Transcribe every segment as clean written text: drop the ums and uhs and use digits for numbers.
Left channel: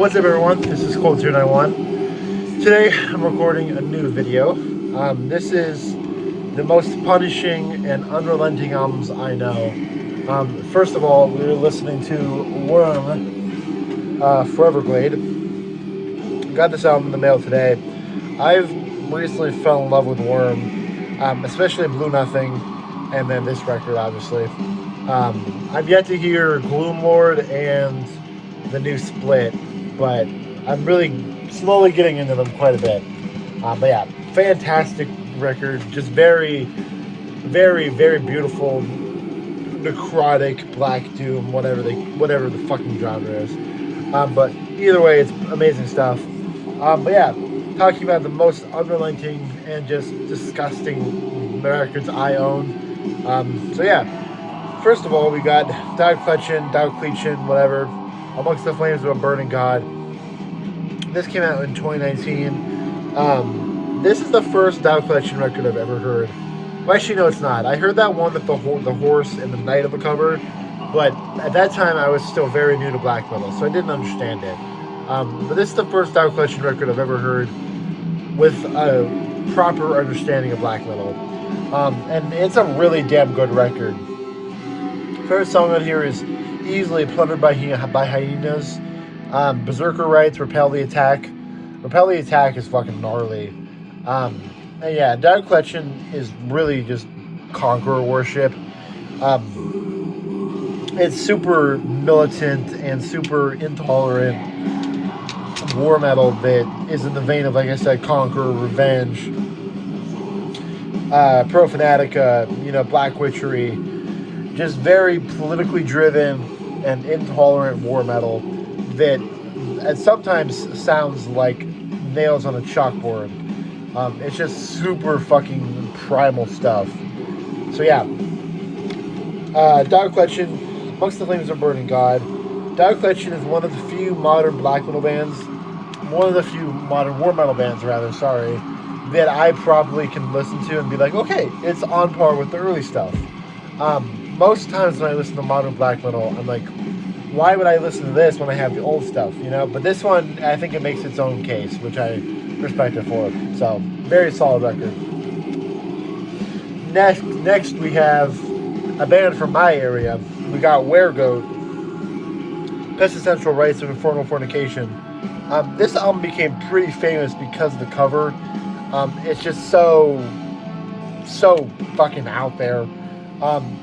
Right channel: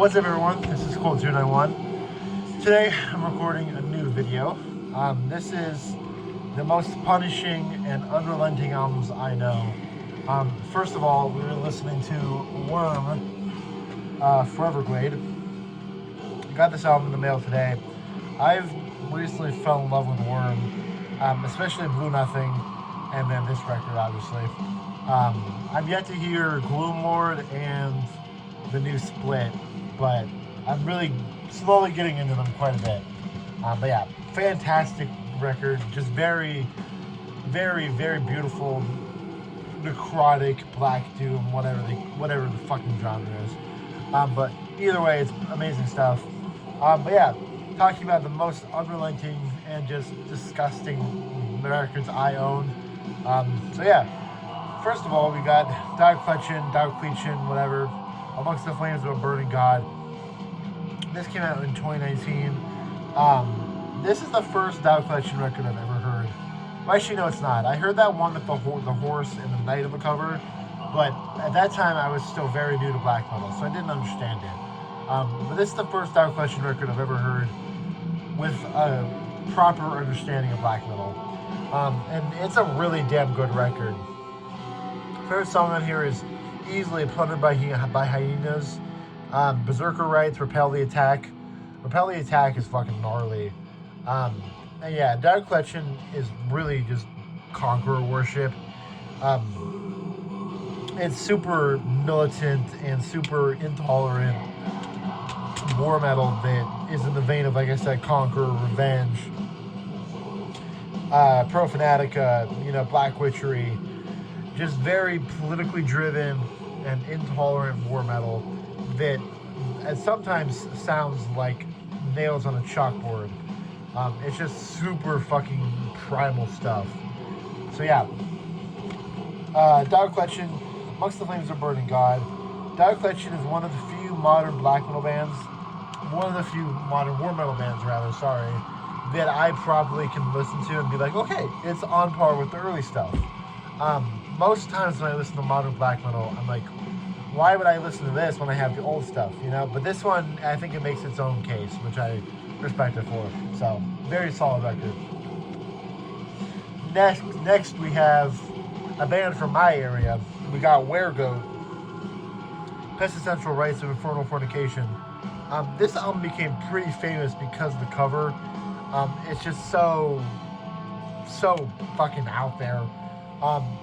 What's up, everyone? This is Cold291. Today I'm recording a new video. This is the most punishing and unrelenting albums I know. First of all, we were listening to Worm, Foreverglade. Got this album in the mail today. I've recently fell in love with Worm, especially Blue Nothing, and then this record, obviously. I've yet to hear Gloomlord and the new Split, but I'm really slowly getting into them quite a bit. But yeah, fantastic record. Just very, very, very beautiful, necrotic, black doom, whatever the fucking genre is. But either way, it's amazing stuff. But yeah, talking about the most unrelenting and just disgusting records I own. So yeah, first of all, we got Dketchen, whatever. Amongst the Flames of a Burning God. This came out in 2019. This is the first Dketchen record I've ever heard. Well, actually, no, it's not. I heard that one with the horse and the knight on the cover, but at that time I was still very new to black metal, so I didn't understand it. But this is the first Dketchen record I've ever heard with a proper understanding of black metal. And it's a really damn good record. First song on here is easily Plundered by Hyenas. Berserker Rites, Repel the Attack. Repel the Attack is fucking gnarly. And yeah, Dketchen is really just conqueror worship. It's super militant and super intolerant war metal that is in the vein of, like I said, Conqueror, Revenge, Profanatica, Black Witchery. Just very politically driven and intolerant war metal that sometimes sounds like nails on a chalkboard. It's just super fucking primal stuff. So yeah, Dketchen, Amongst the Flames of a Burning God. Dketchen is one of the few modern black metal bands, one of the few modern war metal bands, rather, sorry, that I probably can listen to and be like, okay, it's on par with the early stuff. Most times when I listen to modern black metal, I'm like, why would I listen to this when I have the old stuff, But this one, I think it makes its own case, which I respect it for. So, very solid record. Next we have a band from my area. We got Weregoat, Pestilential Rites of Infernal Fornication. This album became pretty famous because of the cover. It's just so fucking out there.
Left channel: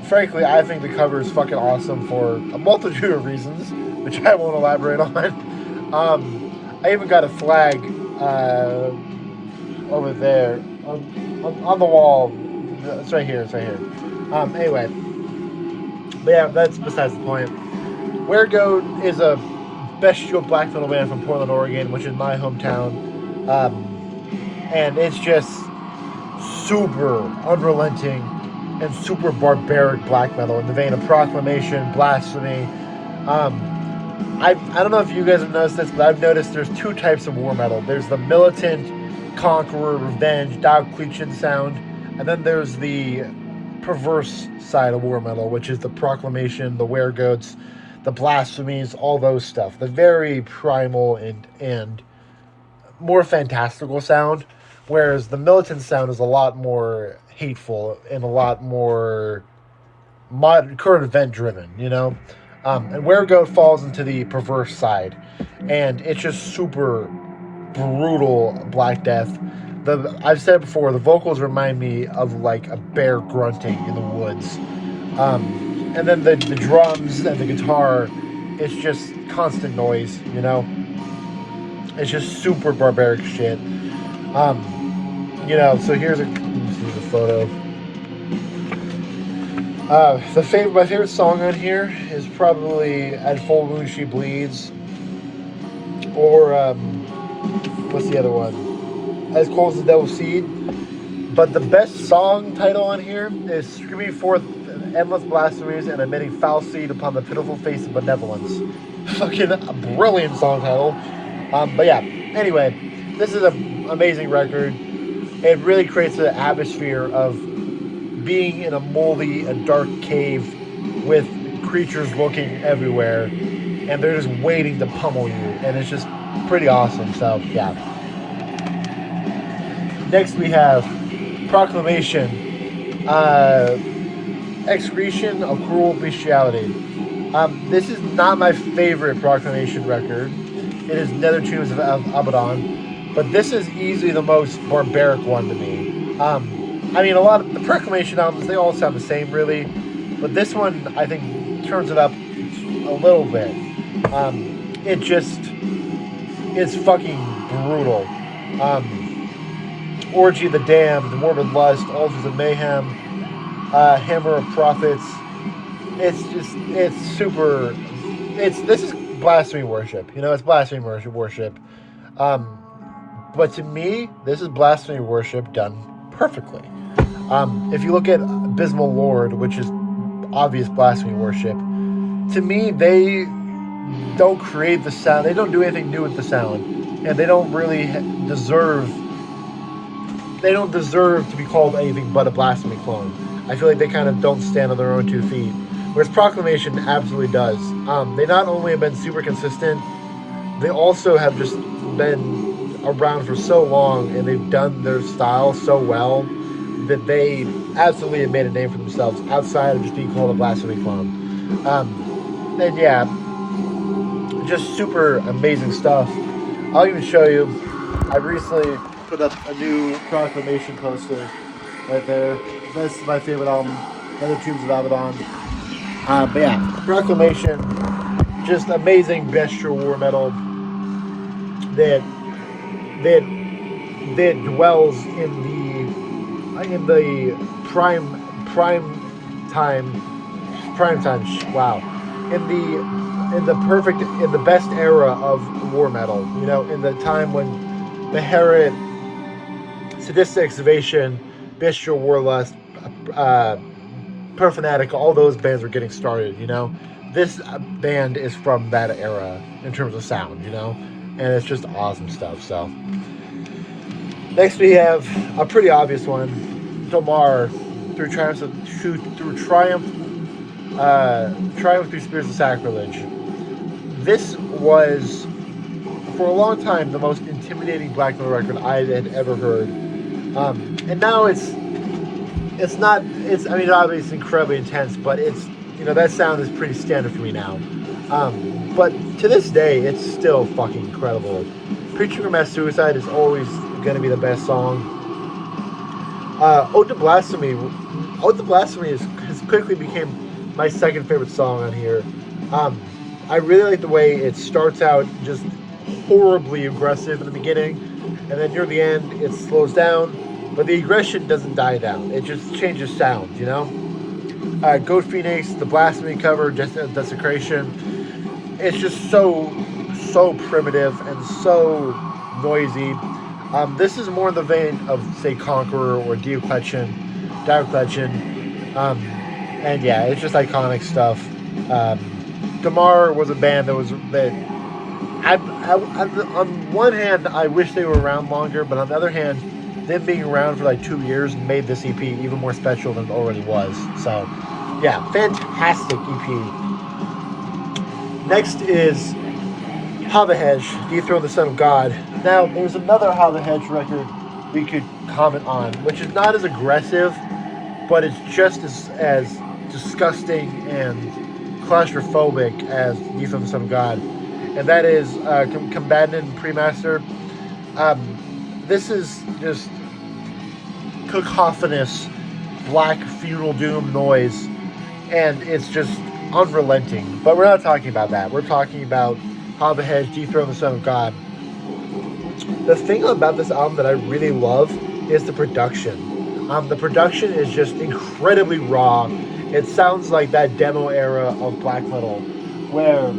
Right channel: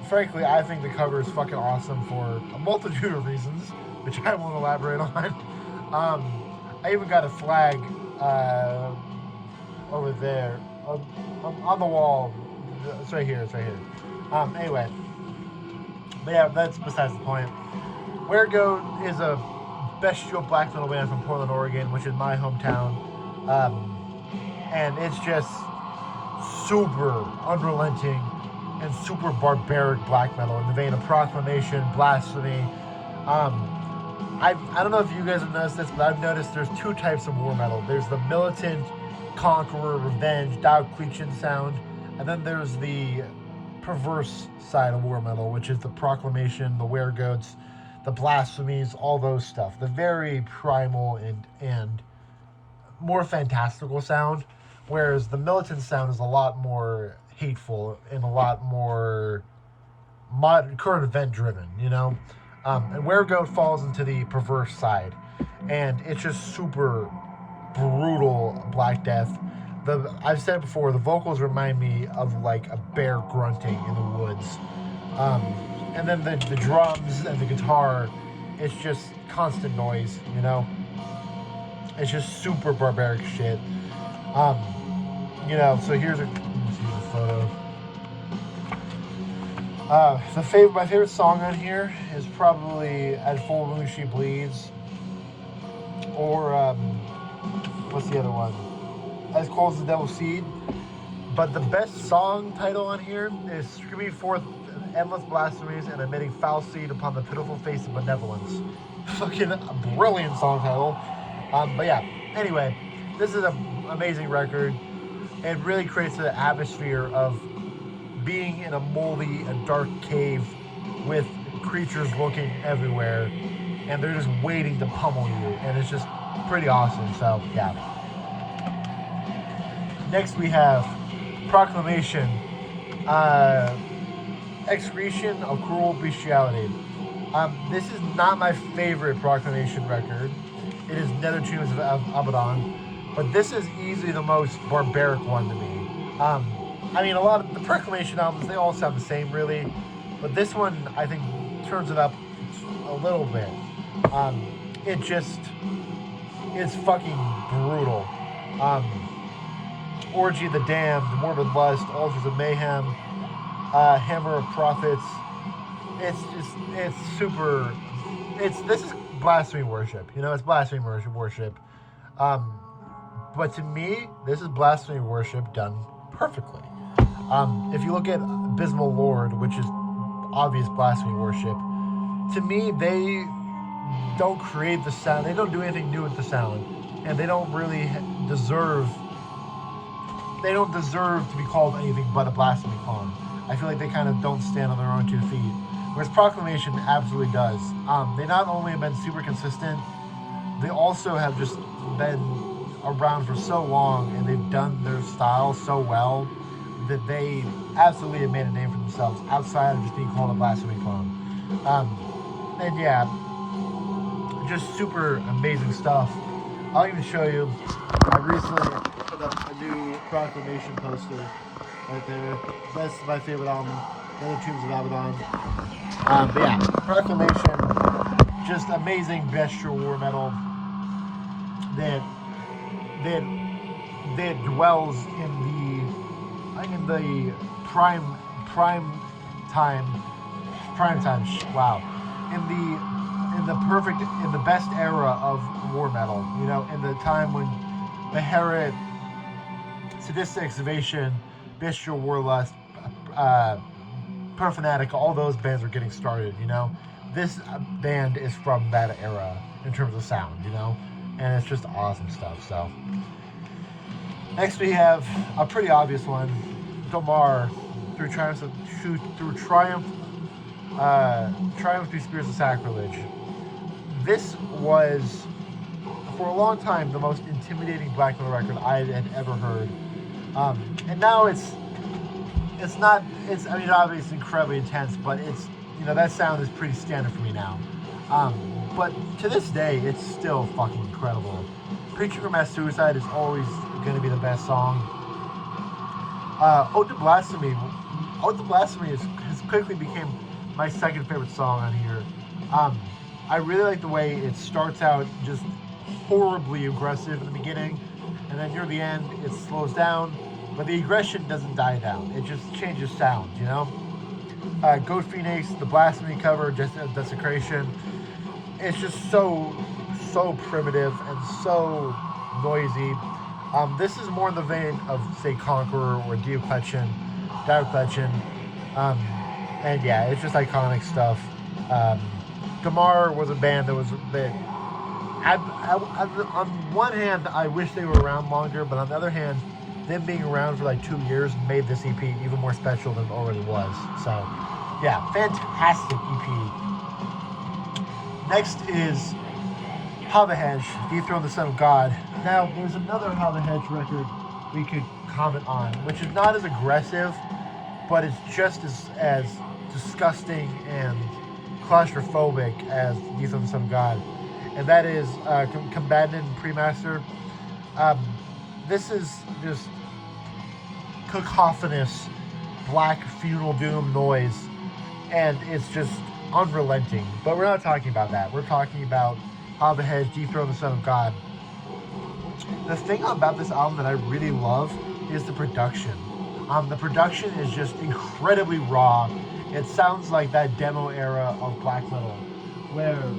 Frankly, I think the cover is fucking awesome for a multitude of reasons, which I won't elaborate on. I even got a flag over there on the wall. It's right here. Anyway, but yeah, that's besides the point. Weregoat is a bestial black metal band from Portland, Oregon, which is my hometown, and it's just super unrelenting and super barbaric black metal in the vein of Proclamation, Blasphemy. I don't know if you guys have noticed this, but I've noticed there's two types of war metal. There's the militant, conqueror, revenge, Dketchen sound, and then there's the perverse side of war metal, which is the Proclamation, the Weregoats, the Blasphemies, all those stuff. The very primal and more fantastical sound, whereas the militant sound is a lot more hateful and a lot more current event driven, and Weregoat falls into the perverse side, and it's just super brutal Black Death. I've said it before, the vocals remind me of like a bear grunting in the woods, and then the drums and the guitar, it's just constant noise, it's just super barbaric shit. So here's let me see the photo. My favorite song on here is probably At Full Moon She Bleeds, or what's the other one? As Cold as the Devil's Seed. But the best song title on here is Screaming Forth Endless Blasphemies and Emitting Foul Seed Upon the Pitiful Face of Benevolence. Fucking brilliant song title. But yeah, anyway, this is an amazing record. It really creates an atmosphere of being in a moldy and dark cave with creatures looking everywhere. and they're just waiting to pummel you, and it's just pretty awesome. So yeah. Next we have Proclamation, Excretion of Cruel Bestiality. This is not my favorite Proclamation record. It is Nether Tombs of Abaddon, but this is easily the most barbaric one to me. I mean, a lot of the Proclamation albums, they all sound the same, really, but this one, I think, turns it up a little bit. It just is fucking brutal. Orgy of the Damned, Morbid Lust, Altars of Mayhem, Hammer of Prophets. It's super. This is blasphemy worship. You know, it's blasphemy worship. But to me, this is blasphemy worship done perfectly. If you look at Abysmal Lord, which is obvious blasphemy worship, to me, they don't create the sound. They don't do anything new with the sound, and they don't really deserve. They don't deserve to be called anything but a blasphemy clone. I feel like they kind of don't stand on their own 2 feet. Whereas Proclamation absolutely does. They not only have been super consistent, they also have just been around for so long, and they've done their style so well that they absolutely have made a name for themselves outside of just being called a blasphemy clone. And yeah, just super amazing stuff. I'll even show you. I recently put up a new Proclamation poster right there. This is my favorite album, Nether Tombs of Abaddon. But yeah, Proclamation, just amazing bestial war metal that dwells in the prime time. Wow, in the best era of war metal. You know, in the time when Beherit, Sadistic Excavation, Bestial Warlust, Profanatic, all those bands were getting started, you know. This band is from that era in terms of sound, you know, and it's just awesome stuff. So next we have a pretty obvious one, Tomar, through triumph through Spears of Sacrilege. This was for a long time the most intimidating black metal record I had ever heard, and now it's obviously incredibly intense, but it's, you know, that sound is pretty standard for me now. But to this day, it's still fucking incredible. Preaching for Mass Suicide is always going to be the best song. Ode to Blasphemy has quickly became my second favorite song on here. I really like the way it starts out just horribly aggressive in the beginning, and then near the end it slows down. But the aggression doesn't die down. It just changes sound, you know? Goat Phoenix, the Blasphemy cover, Desecration. It's just so primitive and so noisy. This is more in the vein of, say, Conqueror or Dketchen. And yeah, it's just iconic stuff. Tomar was a band on one hand, I wish they were around longer, but on the other hand, them being around for like 2 years made this EP even more special than it already was. So, yeah, fantastic EP. Next is Havahej, Dethrone the Son of God. Now, there's another Havahej record we could comment on, which is not as aggressive, but it's just as disgusting and claustrophobic as Dethrone the Son of God. And that is Combatant Premaster. This is just cacophonous black funeral doom noise, and it's just unrelenting. But we're not talking about that. We're talking about Havahej, Dethrone the Son of God. The thing about this album that I really love is the production. The production is just incredibly raw. It sounds like that demo era of black metal, where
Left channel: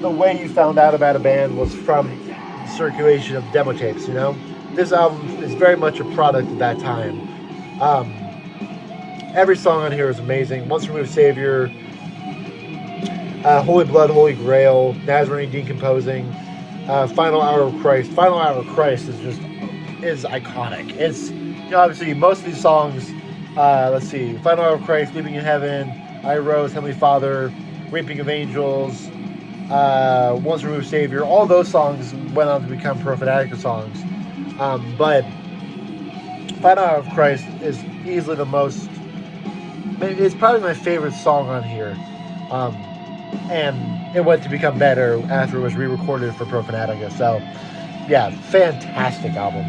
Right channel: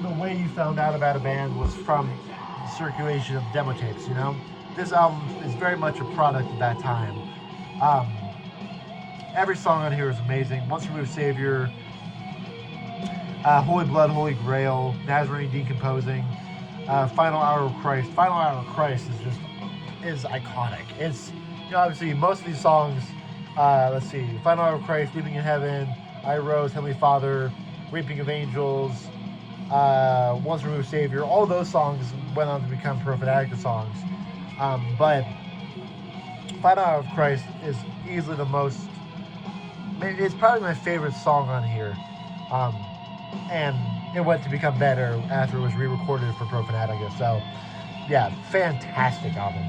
the way you found out about a band was from circulation of demo tapes, you know? This album is very much a product of that time. Every song on here is amazing. Once Removed Savior, Holy Blood, Holy Grail, Nazarene Decomposing, Final Hour of Christ. Final Hour of Christ is iconic. It's, you know, obviously most of these songs, let's see, Final Hour of Christ, Leaping in Heaven, I Rose, Heavenly Father, Reaping of Angels, Once Removed Savior, all those songs went on to become Pro Fanatica songs. But Final Hour of Christ is easily the most, it's probably my favorite song on here. And it went to become better after it was re-recorded for Pro Fanatica. So, yeah, fantastic album.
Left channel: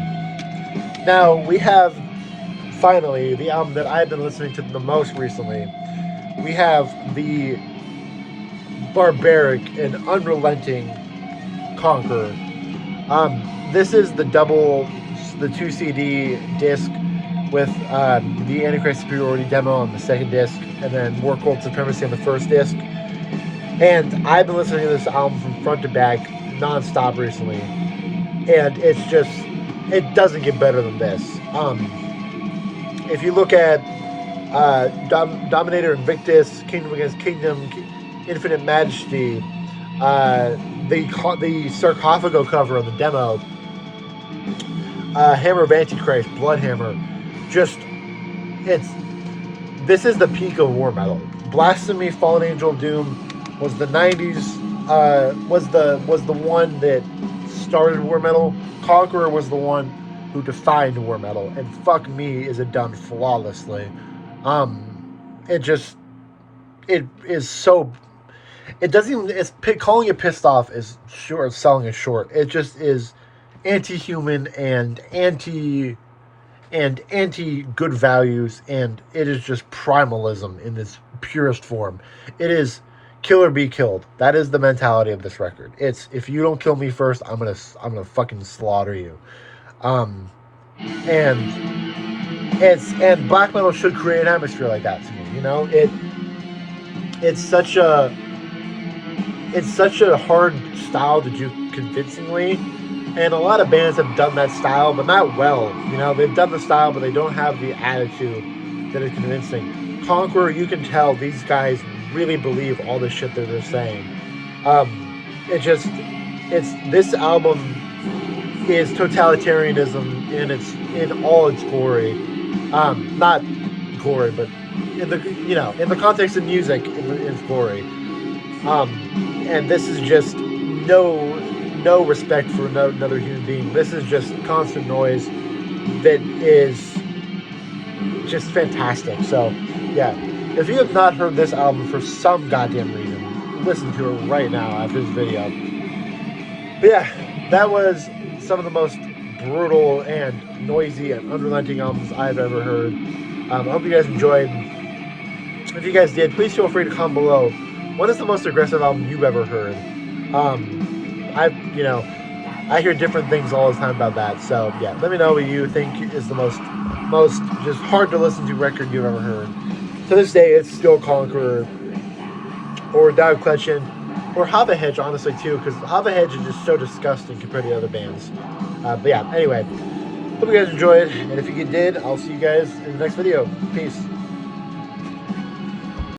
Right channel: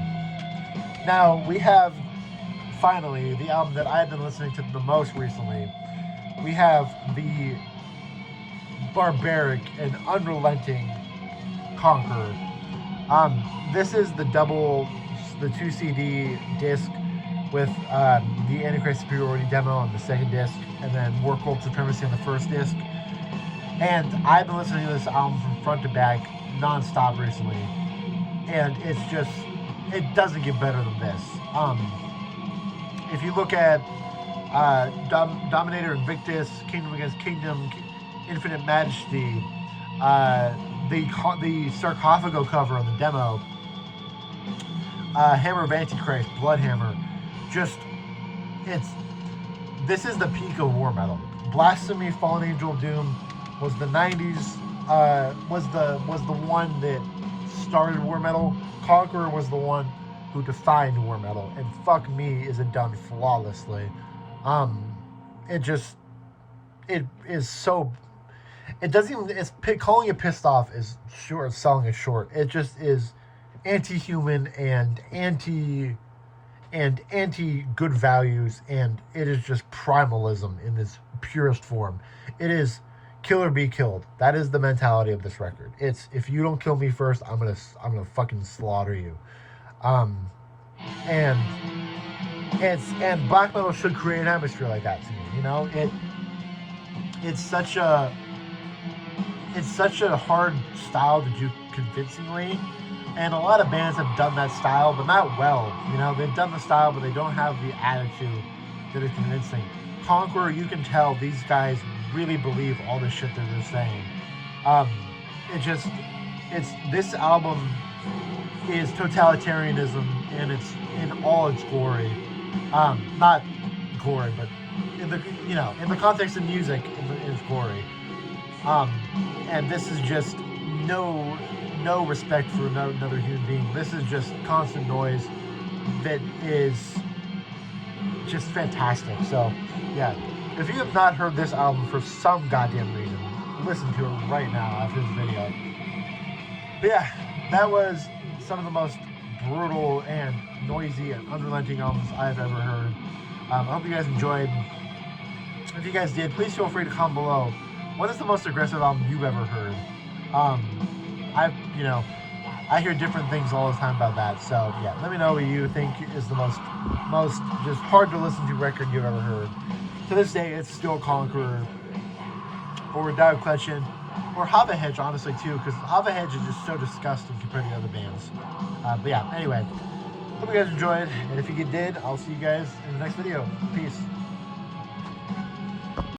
Now, we have, finally, the album that I've been listening to the most recently. We have the barbaric and unrelenting Conqueror. This is the 2 CD disc with the Antichrist Superiority demo on the second disc, and then War Cult Supremacy on the first disc. And I've been listening to this album from front to back non-stop recently, and it's just, it doesn't get better than this. If you look at Dominator Invictus, Kingdom Against Kingdom, Infinite Majesty, the Sarcophago cover of the demo, Hammer of Antichrist, Bloodhammer, this is the peak of war metal. Blasphemy, Fallen Angel of Doom was the 90s, was the one that started war metal. Conqueror was the one who defined war metal, and fuck me, is it done flawlessly. It is so, it doesn't even, it's calling it Pissed Off is short, selling it short. It just is anti-human and anti good values, and it is just primalism in its purest form. It is kill or be killed. That is the mentality of this record. It's, if you don't kill me first, I'm gonna fucking slaughter you. And black metal should create an atmosphere like that to me. You know, it's such a hard style to do convincingly, and a lot of bands have done that style, but not well. You know, they've done the style, but they don't have the attitude that is convincing. Conqueror, you can tell these guys really believe all the shit that they're saying. This album is totalitarianism in all its glory. Not glory, but in the context of music, in its glory. And this is just no respect for another human being. This is just constant noise that is just fantastic. So, yeah, if you have not heard this album for some goddamn reason, listen to it right now after this video. But yeah, that was some of the most brutal and noisy and unrelenting albums I've ever heard. I hope you guys enjoyed. If you guys did, please feel free to comment below. What is the most aggressive album you've ever heard? I hear different things all the time about that. So yeah, let me know what you think is the most just hard to listen to record you've ever heard. To this day, it's still Conqueror or Dketchen or Hedge, honestly, too, because Hedge is just so disgusting compared to other bands. But yeah, anyway, hope you guys enjoyed, and if you did, I'll see you guys in the next video. Peace.